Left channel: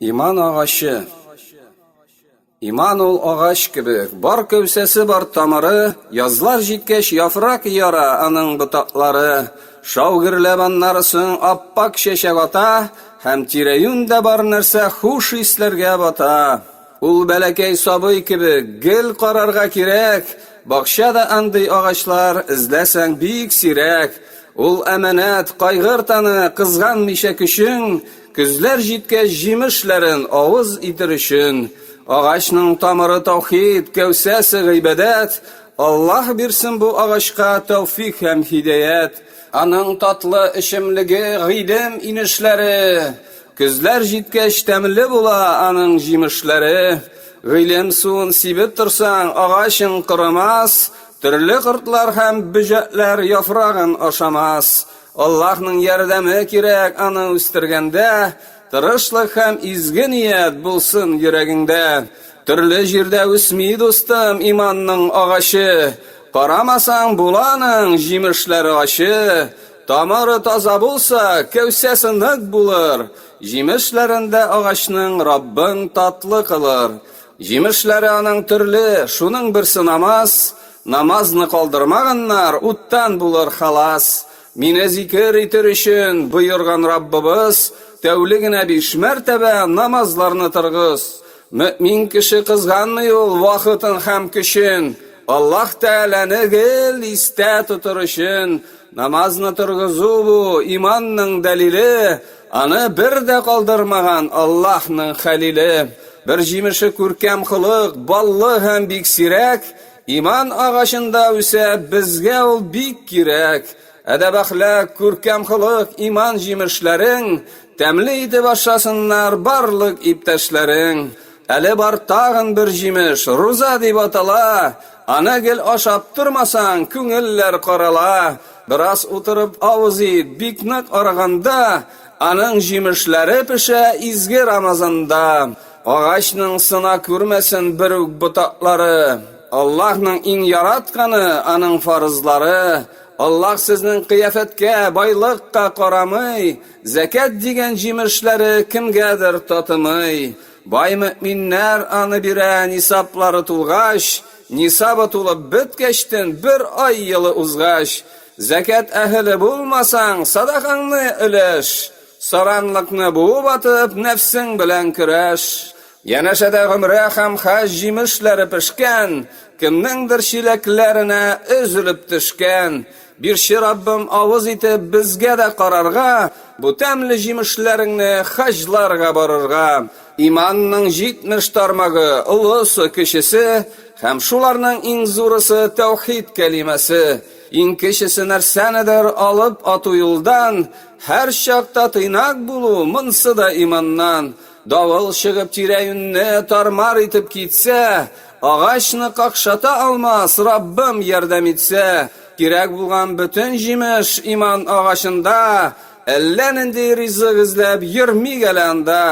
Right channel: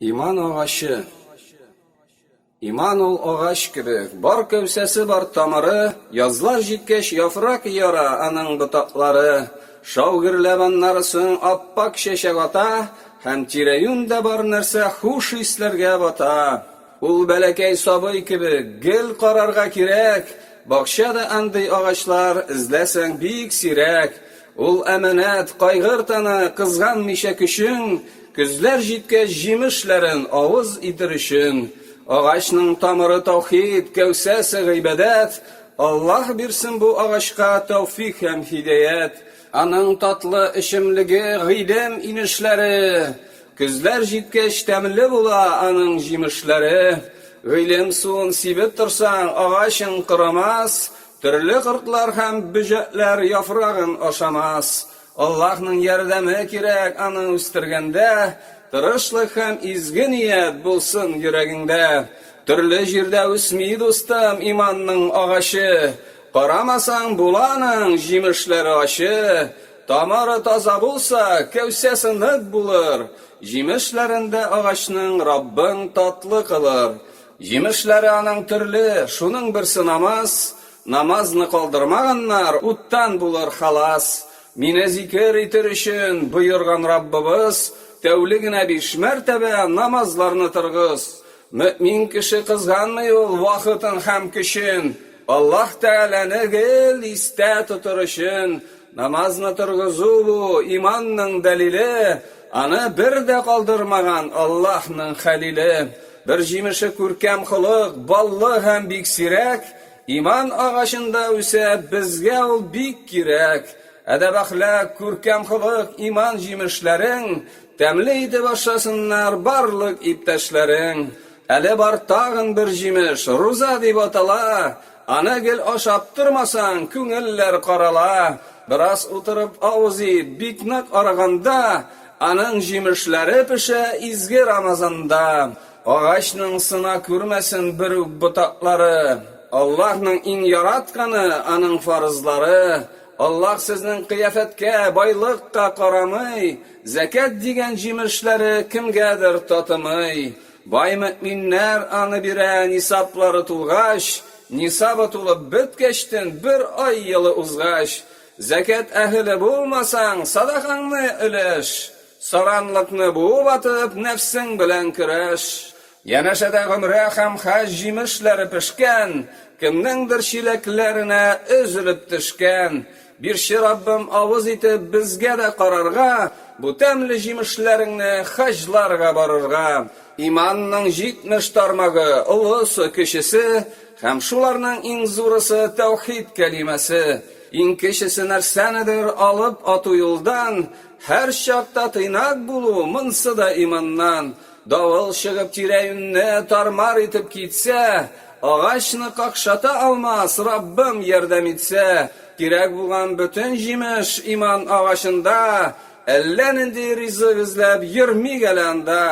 Иман агашы. Иман ул агач кебек, бар кәүсәсе бар тамыры, язлар җиткәч яфрак яра аның ботаклары. Шаугырләп аннары соң аппак чәчәк ата, һәм тирә-юньдә бар нәрсә хуш исләргә бата. Ул бәләкәй сабый кебек, гел карарга кирәк, бакчада андый агачлар эзләсәң бик сирәк. Ул әманәт, кайгыртаны, кызганмыйча көчең, көзләр җиткәч җимешләрен авыз итер өчен. Агачның тамыры таухид, кәүсәсе гыйбадәт. Аллаһ бирсен бу агачка тәүфик һәм һидаят. Аның татлы эчемлеге гыйлем инешләре. Көзләр җиткәч тәмле була аның җимешләре. Гыйлем суын сибеп торсаң, агачың кырымас. Төрле кортлар һәм бөҗәкләр яфрагын ашамас. Аллаһның ярдәме кирәк аны үстергәндә. Тырышлык һәм изге ният булсын йөрәгеңдә. Төрле җирдә үсми дустым иманның агачы. Карамасаң буланың җимешләре ачы. Тамыры таза булса, кәүсәсе нык булыр. Җимешләрендә агачның Раббың татлы кылыр. Җимешләре аның төрле, шуның берсе намаз. Намазны калдырмаганнар, уттан булыр халас. Мине зикр итер өчен боерган Раббыбыз, тәүлегенә 5 мәртәбә намазларны торгыз. Мөмин кеше кызганмый ул вакытын һәм көчен. Аллаһ Тәгаләне гел истә тотыр өчен. Намазны торгызу бу иманның дәлиле. Аны бер дә калдырмаган Аллаһның хәлиле. Бер җимеше күркәм хылык, баллы һәм бик сирәк. Иман агачында үсә, безгә ул бик кирәк. Әдәп әхлак, күркәм хылык, иман җимешләрең, тәмле итеп ашасыннар барлык иптәшләрең. Әле бар тагын бер җимеш, руза дип атала. Аны гел ашап тормасаң, күңелләр карала. Бераз утырып авыз ит, бик нык арыганда, аның җимешләре пешә изге Рамазанда. Агачның сына күрмәсен бер үк ботаклары. Аллаһның иң яратканы аның фарызлары. Аллаһ сезнең кыяфәткә, байлыкка карамый, закат дигән җимешләре кемгәдер татымый. Бай мөминнәр аны бирә нисаплары тулгач, нисабы тулып беткәчтен бер ай елы узгач. Закат әһле булмасаң, садакаңны өләш. Саранлыкны буып атып, нәфсең белән көрәш. Янәшәдә гомрә һәм хаҗ җимешләре пешкән, кемнеңдер чиләкләренә өзелеп төшкән. Бирче Раббым авыз итеп безгә дә карарга, бу тәмле җимешләреңне хаҗларга барырга. Иманның 70 тармагы, улысы кечесе, һәм шуларның иң зурысы тәүхид кәлимәсе. Иң кечесе нәрсәнедер алып ату юлдан, һәр чакта тыйнак булу монсы да иманнан. Давыл чыгып тирә-юньне тармар итеп китсә, агачны какшата алмас Раббым ярдәм итсә. Кирәк булган бөтен җимеш иман агачында, әллә нинди ризык эзләп йөрмик әле анда.